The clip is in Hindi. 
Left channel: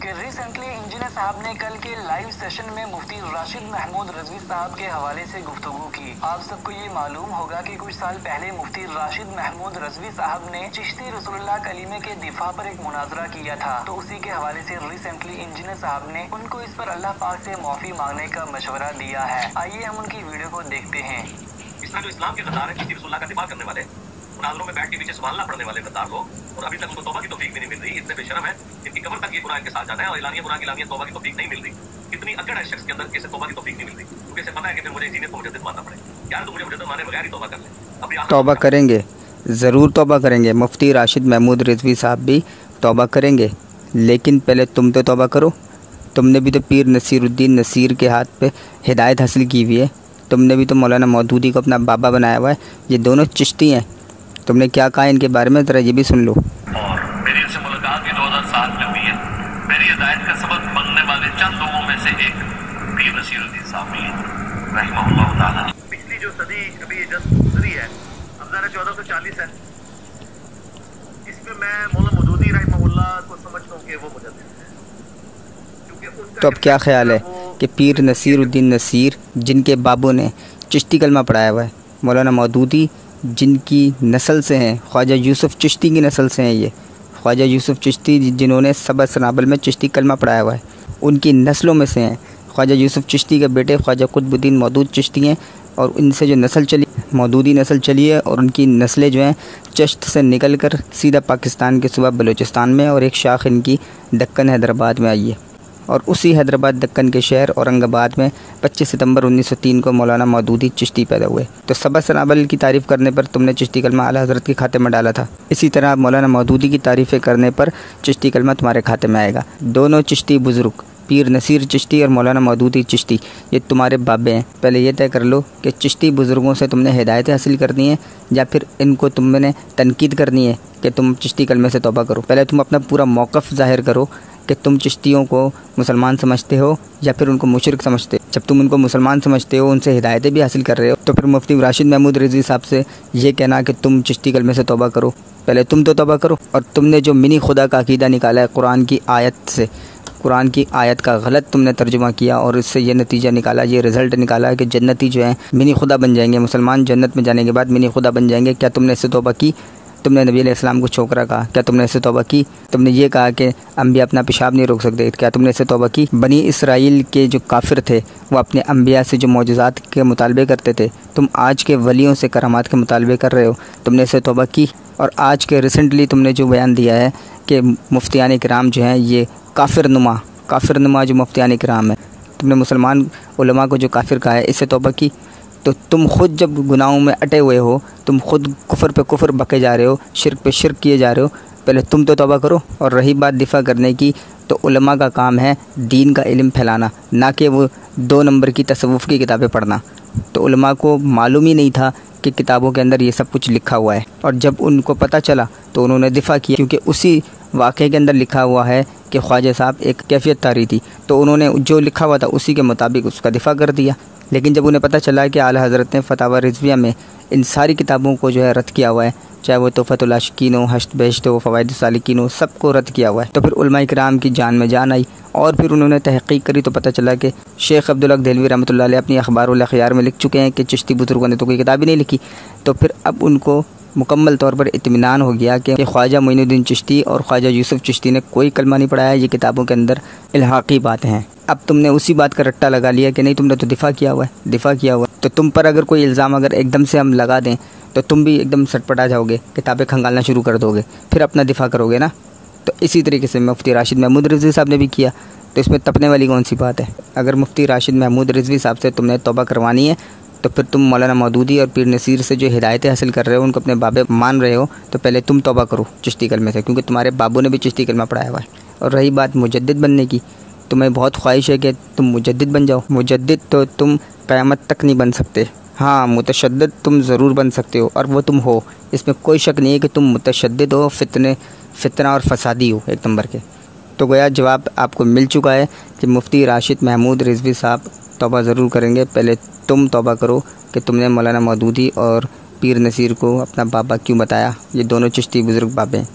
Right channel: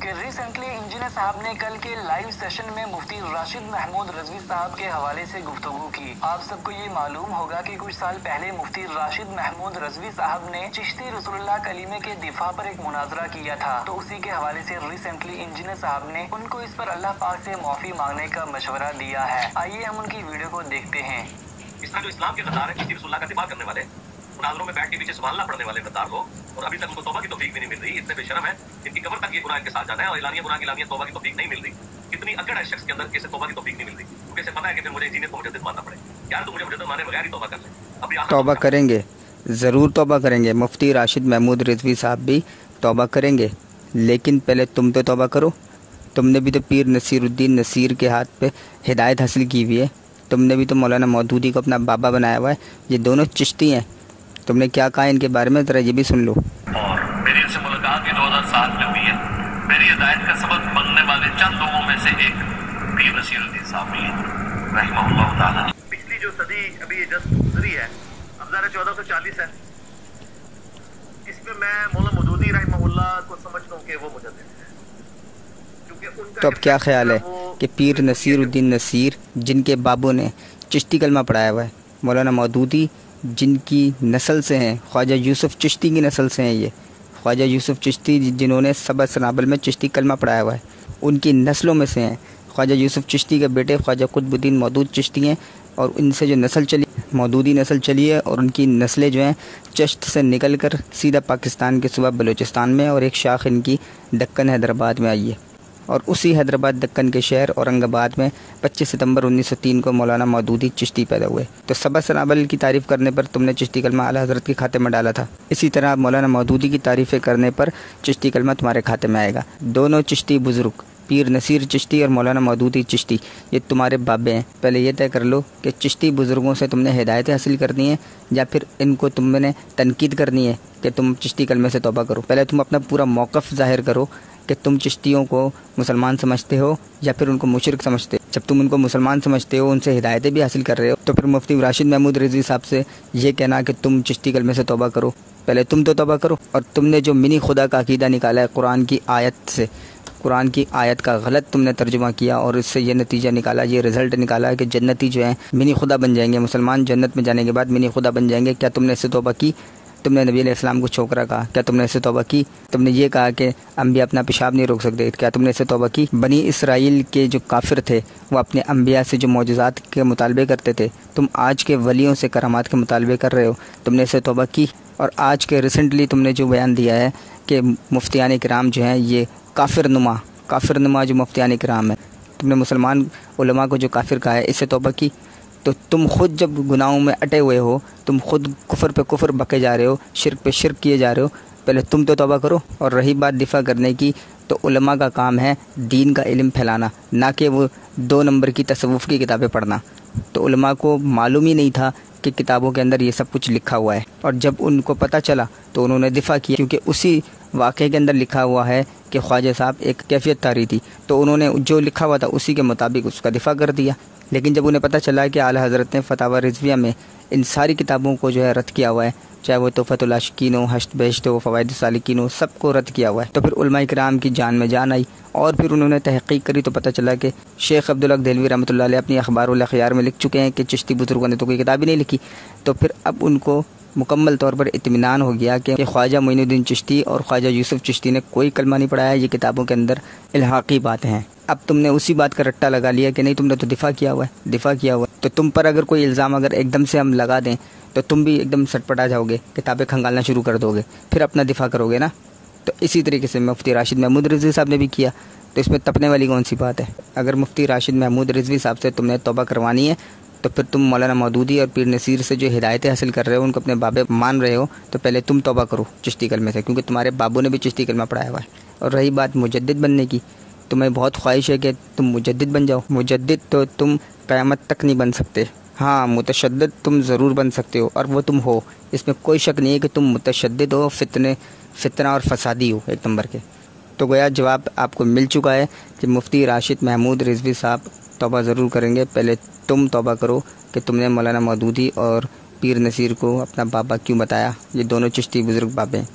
कि रिसेंटली इंजीनियर साहब ने कल के लाइव सेशन में मुफ्ती राशिद महमूद रिजवी साहब के हवाले से गुफ्तगू की। आप सबको ये मालूम होगा कि कुछ साल पहले मुफ्ती राशिद महमूद रिजवी साहब ने चिश्ती रसूलुल्लाह कलीमे के दिफा पर एक मुनाजरा किया था, तो उसी के हवाले से रिसेंटली इंजीनियर साहब ने उनको इस पर अल्लाह पाक से माफी मांगने का मशवरा दिया है। आइए हम उनकी वीडियो को देखते हैं। इस तरह जो इस्लाम के गद्दार है, चिश्ती रसूलुल्लाह का दिफा करने वाले, मुनाजरों में बैठ के पीछे सुभान अल्लाह पढ़ने वाले गद्दार लोग, और अभी तक उनको तौबा की तौफीक भी नहीं मिल रही। इतने बेशरम है, इनकी कब्र तक ये गुनाह इनके साथ जाना है और एलानिया गुनाह की एलानिया तौबा की तौफीक नहीं मिल रही। कितनी अकड़ है शख्स के अंदर, कैसे तौबा की तौफीक नहीं मिल रही, क्योंकि इसे पता है कि फिर मुझे इंजीनियर को मुजद्दिद मानना पड़े। यार तो मुझे मुजद्दिद माने बगैर ही तौबा कर ले। अभी तौबा करेंगे, ज़रूर तौबा करेंगे। मुफ्ती राशिद महमूद रिजवी साहब भी तौबा करेंगे, लेकिन पहले तुम तो तौबा करो। तुमने भी तो पीर नसीरुद्दीन नसीर के हाथ पे हिदायत हासिल की हुई है। तुमने भी तो मौलाना मौदूदी को अपना बाबा बनाया हुआ है। ये दोनों चिश्ती हैं। तुमने क्या कहा इनके बारे में, ज़रा ये भी सुन लो। और मेरी इनसे मुलाकात भी 2007 में हुई है। मेरी हिदायत का सबक बनने वाले चंद लोगों में से एक पीर नसीरुद्दीन साहब भी हैं, रहमहुल्लाह ताला। पिछली जो सदी अभी ये जस्ट गुजरी है, अब ज़रा 1440 है, इसमें मैं मौलाना मौदूदी रहमहुल्लाह को समझता हूँ कि वो मुजद्दिद है। तो अब क्या ख्याल है कि पीर नसीरुद्दीन नसीर जिनके बाबू ने चिश्ती कलमा पढ़ाया हुआ है, मौलाना मौदूदी जिनकी नस्ल से हैं, ख्वाजा यूसुफ चिश्ती की नस्ल से हैं, ये ख्वाजा यूसुफ चिश्ती जिन्होंने सबा सनाबल में चिश्ती कलमा पढ़ाया हुआ है, उनकी नस्लों में से हैं। ख्वाजा यूसुफ चिश्ती के बेटे ख्वाजा कुतुबुद्दीन मौदूद चिश्ती हैं, और इनसे जो नस्ल चली मौदूदी नस्ल चली है, और उनकी नस्लें जो हैं चिश्त से निकल कर सीधा पाकिस्तान के सूबा बलूचिस्तान में, और एक शाख इनकी दक्कन हैदराबाद में आई है। और उसी हैदराबाद दक्कन के शहर औरंगाबाद में 25 सितंबर 1903 को मौलाना मौदूदी चिश्ती पैदा हुए। तो सबा सनाबल की तारीफ़ करने पर तुमने चिश्ती कलमा आला हज़रत के खाते में डाला था, इसी तरह मौलाना मौदूदी की तारीफ़ें करने पर चिश्ती कलमा तुम्हारे खाते में आएगा। दोनों चिश्ती बुजुर्ग, पीर नसीर चिश्ती और मौलाना मौदूदी चिश्ती, ये तुम्हारे बाबे हैं। पहले ये तय कर लो कि चिश्ती बुजुर्गों से तुमने हिदायतें हासिल करनी है, या फिर इनको तुमने तनकीद करनी है कि तुम चिश्ती कलमे से तौबा करो। पहले तुम अपना पूरा मौक़िफ़ ज़ाहिर करो कि तुम चिश्तियों को मुसलमान समझते हो या फिर उनको मुशरिक समझते हो। जब तुम उनको मुसलमान समझते हो, उनसे हिदायतें भी हासिल कर रहे हो, तो फिर मुफ्ती राशिद महमूद रिजवी साहब से ये कहना कि तुम चिश्ती कलमे से तौबा करो, पहले तुम तो तौबा करो। और तुमने जो मिनी खुदा का अकीदा निकाला है कुरान की आयत से, कुरान की आयत का गलत तुमने तर्जुमा किया, और इससे ये नतीजा निकाला, ये रिजल्ट निकाला कि जन्नती जो है मिनी खुदा बन जाएंगे, मुसलमान जन्नत में जाने के बाद मिनी खुदा बन जाएंगे। क्या तुमने इससे तौबा की? तुमने नबी अलैहिस्सलाम को छोकरा कहा, क्या तुमने इससे तौबा की? तुमने ये कहा कि अंबिया अपना पेशाब नहीं रोक सकते, क्या तुमने इससे तौबा की? बनी इसराइल के जो काफिर थे वो अपने अंबिया से जो मौजज़ात के मुतालबे करते थे, तुम आज के वलियों से करामात के मुतालबे कर रहे हो, तुमने इससे तौबा की? और आज के रिसेंटली तुमने जो बयान दिया है कि मुफ्तियान किराम जो हैं ये काफिर नुमा जो मुफ्तियान किराम है, तुमने मुसलमान उलमा को जो काफिर कहा है, इससे तौबा की? तो तुम खुद जब गुनाहों में अटे हुए हो, तुम खुद कुफर पे कुफर बके जा रहे हो, शिर्क पे शिर्क किए जा रहे हो, पहले तुम तो तौबा करो। और रही बात दिफा करने की, तो उलमा का काम है दीन का इल्म फैलाना, ना कि वो 2 नंबर की तसव्वुफ़ की किताबें पढ़ना। तो उलमा को मालूम ही नहीं था कि किताबों के अंदर ये सब कुछ लिखा हुआ है, और जब उनको पता चला तो उन्होंने दिफा किया, क्योंकि उसी वाक़े के अंदर लिखा हुआ है कि ख्वाजा साहब एक कैफियत तारी थी, तो उन्होंने जो लिखा हुआ था उसी के मुताबिक उसका दिफा कर दिया। लेकिन जब उन्हें पता चला कि आला हज़रत ने फतावा रिजविया में इन सारी किताबों को जो है रद्द किया हुआ है, चाहे वो तोहफ़तुल आशिकीन हो, हश्त बहिश्त हो, फ़वाइद सालिकीन हो, सबको रद्द किया हुआ है, तो फिर उलमा इकराम की जान में जान आई। और फिर उन्होंने तहक़ीक़ करी तो पता चला कि शेख अब्दुल हक देलवी रहमतुल्लाह अलैह अपनी अख़बारुल अख़यार में लिख चुके हैं कि चिश्ती बुजुर्गों ने तो कोई किताब ही नहीं लिखी। तो फिर अब उनको मुकम्मल तौर पर इत्मीनान हो गया कि ख्वाजा मोइनुद्दीन चिश्ती और ख्वाजा यूसुफ चिश्ती ने कोई कलमा नहीं पढ़ाया, ये किताबों के अंदर इल्हाक़ी बातें हैं। अब तुमने उसी बात का रट्टा लगा लिया कि नहीं, तुमने तो दिफा किया हुआ है। तो तुम पर अगर कोई इल्ज़ाम अगर एकदम से हम लगा दें तो तुम भी एकदम सटपटा जाओगे, किताबें खंगालना शुरू कर दोगे, फिर अपना दिफा करोगे ना। तो इसी तरीके से मुफ्ती राशिद महमूद रिजवी साहब ने भी किया, तो इसमें तपने वाली कौन सी बात है? अगर मुफ्ती राशिद महमूद रिजवी साहब से तुमने तौबा करवानी है, तो फिर तुम मौलाना मौदूदी और पीर नसीर से जो हिदायतें हासिल कर रहे हो, उनको अपने बाबे मान रहे हो, तो पहले तुम तौबा करो चिश्ती कलमे से, क्योंकि तुम्हारे बाबू ने भी चिश्ती कलमा पढ़ाया हुआ है। और रही बात मुजद्दिद बनने की, तुम्हें बहुत ख्वाहिश है कि तुम मुजद्दिद बन जाओ। मुजद्दिद तो तुम क़यामत तक नहीं बन सकते। हाँ, मुतशद्दिद तुम ज़रूर बन सकते हो, और वो तुम हो, इसमें कोई शक नहीं है कि तुम मुतशद्दिद हो, फितना और फसादी हो एक नंबर के। तो गोया जवाब आपको मिल चुका है कि मुफ्ती राशिद महमूद रिजवी साहब तौबा ज़रूर करेंगे। पहले तुम तौबा करो कि तुमने मौलाना मौदूदी और पीर नसीर को अपना बाबा क्यों बताया। ये दोनों चिश्ती बुज़ुर्ग बाबे हैं।